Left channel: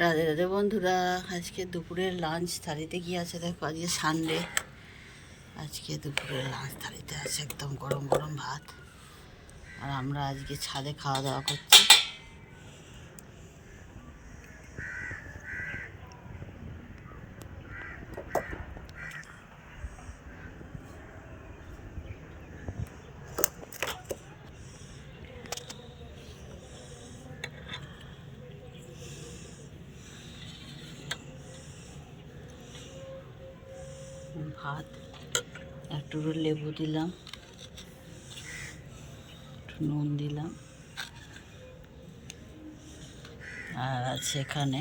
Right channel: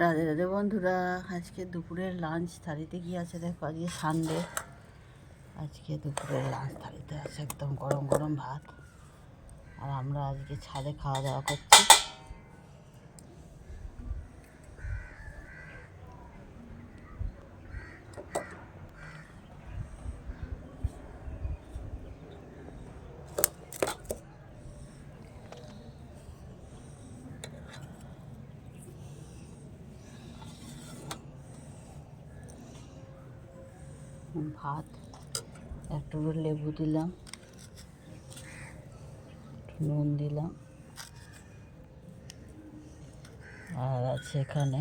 রাধে রাধে বন্ধুরা, আজকে দুপুরের লাঞ্চ থালিতে কি আছে দেখো। আজকে সানডে, আজকে দুপুরের লাঞ্চ থালিতে আছে একদম গরম গরম ভাত। আর আমরা আজকে ছাদে খাওয়া দাওয়া করছি। ভাত, একটু লেবু দিলাম, একটু নুন দিলাম, আর আছে এখানে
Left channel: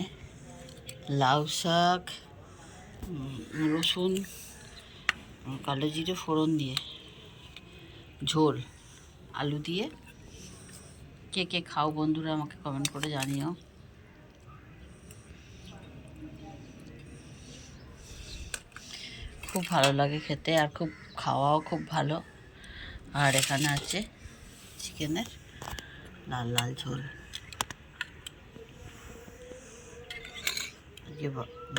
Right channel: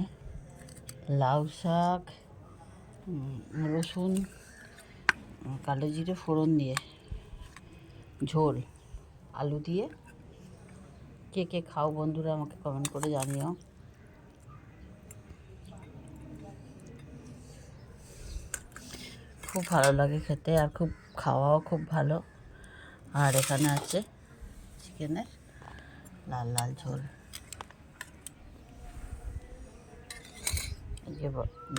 লাউ শাক, রসুন, কালো জিরে ফোড়ন দিয়ে ঝোল, আলু দিয়ে। কে কে খাও বন্ধুরা আমাকে কমেন্ট করে জানিও। খুব ভালো লাগে খেতে, আর খুব খাওয়াও খুব ভালো। আর এখানে আছে চিকেনের লাল লাল ঝোল। আজকে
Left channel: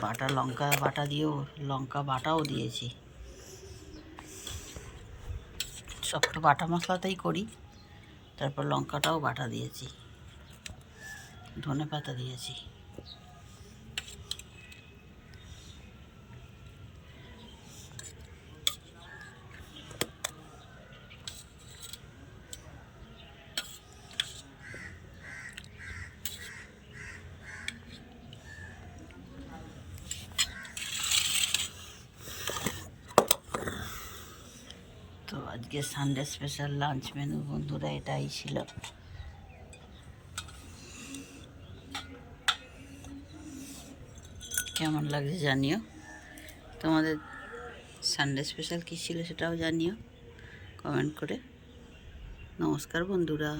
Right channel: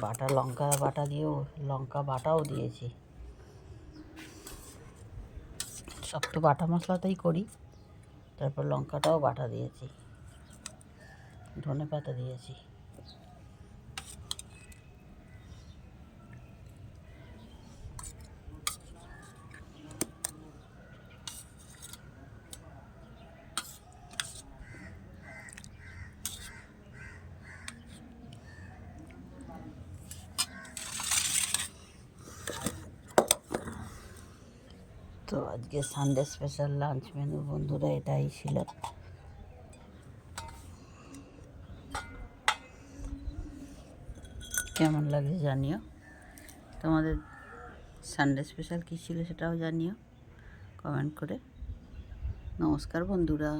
বাটা লঙ্কা বাটা দিয়েও লঙ্কা বাটাও দিয়েছি। সব তো বাটা মশলাতেই করি, তারপর লঙ্কাটাও বাটা দিয়েছি, ধনে পাতা দিয়েছি। তো আজকে সানডে স্পেশাল লাঞ্চ মেনু বন্ধুরা এটাই ছিল। কেমন লাগছে জানিও। তোমাদের সানডে স্পেশাল কী ছিল সেটাও জানিও কমেন্ট করে। নমস্কার বন্ধুরা।